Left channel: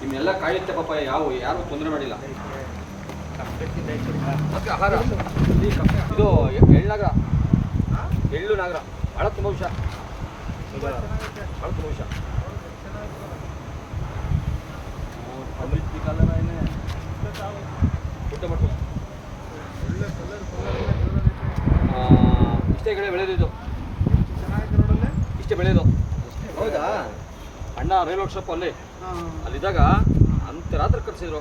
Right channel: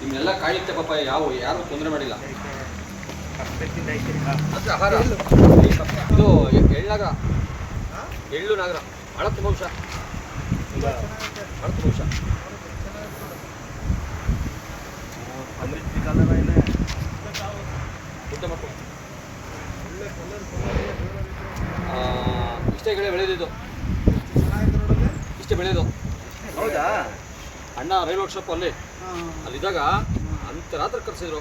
ನಿಮ್ಮೆಲ್ಲ ಕಾಯುತ್ತೆ ಪಾಪ, ಯಾರು ತೊಂದರೆ ಮಾಡಿಲ್ಲ. ಇದು ಎಳ್ಳು ನಾಗರ ಭಾಳ ತುಂಬ ವಿಷ, ಭಾಳ ತುಂಬ ವಿಷ. ಊಟ ಮಾಡ್ಕೊಂಡು ಇಷ್ಟೇ ಕಡೆ ಬೆಳೆದಿದ್ದು, ಇಷ್ಟೇ ಬೆಳೆಯೋದು. ಹೌದಾ? ಅಣ್ಣ ರೈಲ್ ವರ್ಕ್ಶಾಪ್ ಅಲ್ಲಿದ್ದಾಗ ಅಂತ ರಾತ್ರಿ ಕರೆಸಿದ್ರು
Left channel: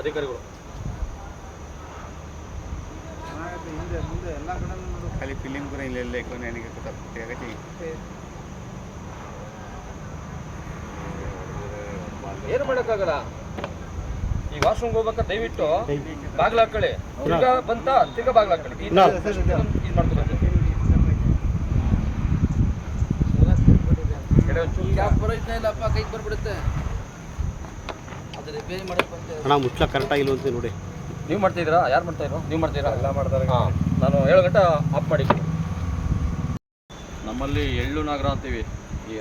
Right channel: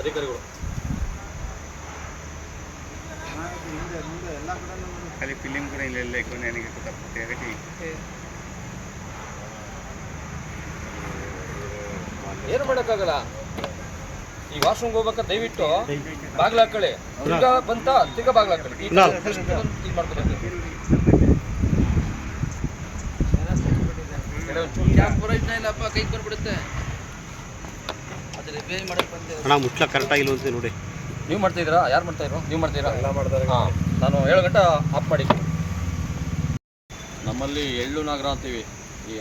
ಅಧಿಕಾರಿಗಳು. ಖಾಲಿ ಫಿಲಿಮ್ ಕೂಡ ಇಲ್ಲೆಲ್ಲ ನನಗೆ ಗೊತ್ತಾಗ್ತದೆ. ಏನು ಮಾಡೋಕ್ಕಾಗಲ್ಲ. ಈಗ ವಾಶ್ರೂಮ್ಗೆ ಹೋಗ್ಬೇಕಾ ದಯವಿಟ್ಟು ಬಾಗಿಲು ಹಾಕೊಳ್ಳಿ, ತಿರ್ಗಾ ಬಂತ ತಿರ್ಗಾ ಬಾಗಿಲು ಹಾಕೊಳ್ಳಿ, ಇದು ಮಾಡ್ಕೊಬೇಕು. ಕೈಗೆ ಬಂದ್ಬಿಡುತ್ತೆ. ಅಣ್ಣ ಮುಚ್ಚಲ ಕರೆಕ್ಟಾಗಿಲ್ಲ ಅಂತ ನೋಡಿ. ನೀವು ಮಾಡ್ತಾಯಿದ್ದೀರಾ? ಯಾರು ಮಾಡ್ತಾಯಿದ್ರು? ನೀವು ಮಾಡ್ತೀರಾ? ಹಾಂ, ನಾನು 7 ಗಂಟೆ ಆಫ್ ಮಾಡಿದ್ದೀನಿ. ನಮ್ಮಲ್ಲಿ ಎಳ್ಳು ನಾಗರ ಅಂತೀವಿ.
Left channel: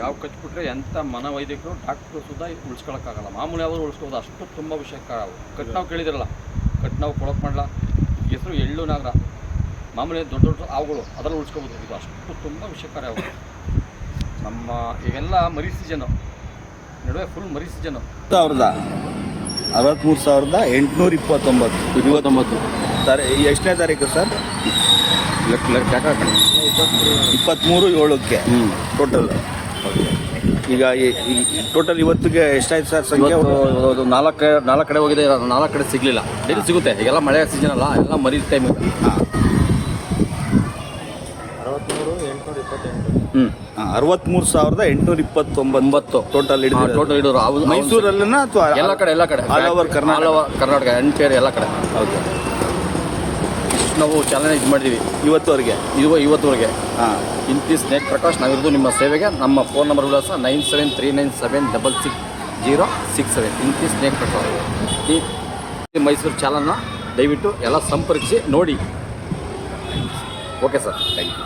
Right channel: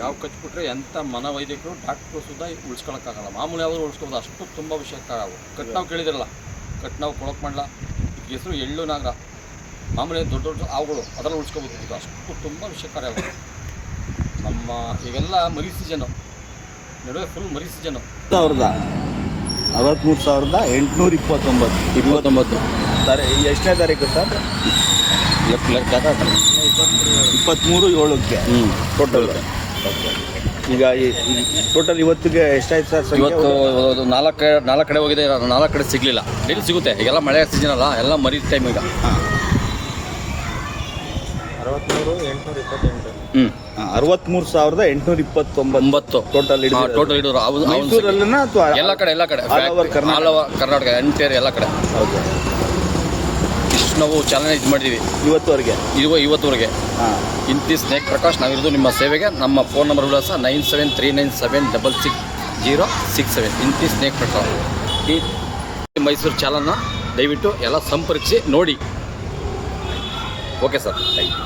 ಯಾವ ಕಚ್ಬಿಟ್ರೆ ಎಂಥ ಮನವೈದ್ಯಕರು ಡಾಕ್ಟ್ರು ಸುದ್ದ ಉಳಿಸ್ಕೊಳಕ್ಕಾಗಲ್ಲ. ಮಾಮೂಲಿ ಯಾವ್ದು ಉಳಿಸ್ಕೋಬೋದು, ಅಷ್ಟು ತುಂಬ ವಿಷಯಕ್ಕಾಗವು. ಕಟ್ನಾವು ಕೇಳಿದಿರಲ್ಲ, ಕಟ್ನಾವು ಕೊಳಕ್ ಮಾಡಲ, ಹೆಸರು ಎಳ್ಳು ನಾಗರ. ಮಾಮೂಲಿ ದೊಡ್ಡ ದೊಡ್ಡ ಹಾವುಗಳು ಅದರಲ್ಲಿ ಉಳಿಸ್ಕೋಬೋದು. ಇದು ಅಷ್ಟು ತುಂಬ ವಿಷಯಕಾರಿ ಅವು. ನಮ್ಮ ಈಗೆಲ್ಲ ಮರಿ ಸೀಸನು, ನಡುವೆ ಫುಲ್ ಮರಿ ಸೀಸನು. 63,829 ಎಷ್ಟನೇ ತಾರೀಕು ಸರ್? 23/7 ಟೋಟಲ್. ಈಗ ಟೋಟಲ್ ಇವತ್ತಿಗೆ ಎಷ್ಟಾಯ್ತು ಸರ್? ಇವತ್ತು 4 ಕಡೆ ಹೋಗಿದೆ, 4 ಕಡೆ ಸಿಗಲಿಲ್ಲ. ಡೈಲಿ ಸಿಗುತ್ತೆ, ಈಗೆಲ್ಲ ಮಳೆ ಸೀಸನ್ ಅಲ್ಲ, ಎಲ್ಲ ಮರಿ ಟೈಮ್ ಈಗ. 63,829 ಟೋಟಲ್ ಹಿಡಿದ್ರು. ಮೈಸೂರಲ್ಲಿನ ಅಥವಾ ಎಲ್ಲ ಕಡೆ ಕರ್ನಾಟಕ ಎಂಟೇರ್ ಎಲ್ಲ ಕಡೆ. ಹೌದು. ಇಷ್ಟು ನಾವು ಚಾಲನೆ ಇದು ಮಾಡಿದ್ದೀವಿ ಇವತ್ತುವರೆಗೆ. ಇಂತಿ ಸ್ನೇಕ್ ಪ್ರಕಾಶ್, ನಾವಿರೋದು ನಿಮ್ಮ ಸೇವೆಗೆ. ನಮ್ಮ ಫೋನ್ ನಂಬರ್ ವಿಳಾಸ 9739760667. ಇಂತಿ ಸ್ನೇಕ್ ಪ್ರಕಾಶ್. ಈ ಮೈಸೂರು ಚಾಲನ ದಯವಿಟ್ಟು ಎಲ್ಲ ಸಂಪರ್ಕಿಸಿ ನೋಡಿ. Okay sir, thank you.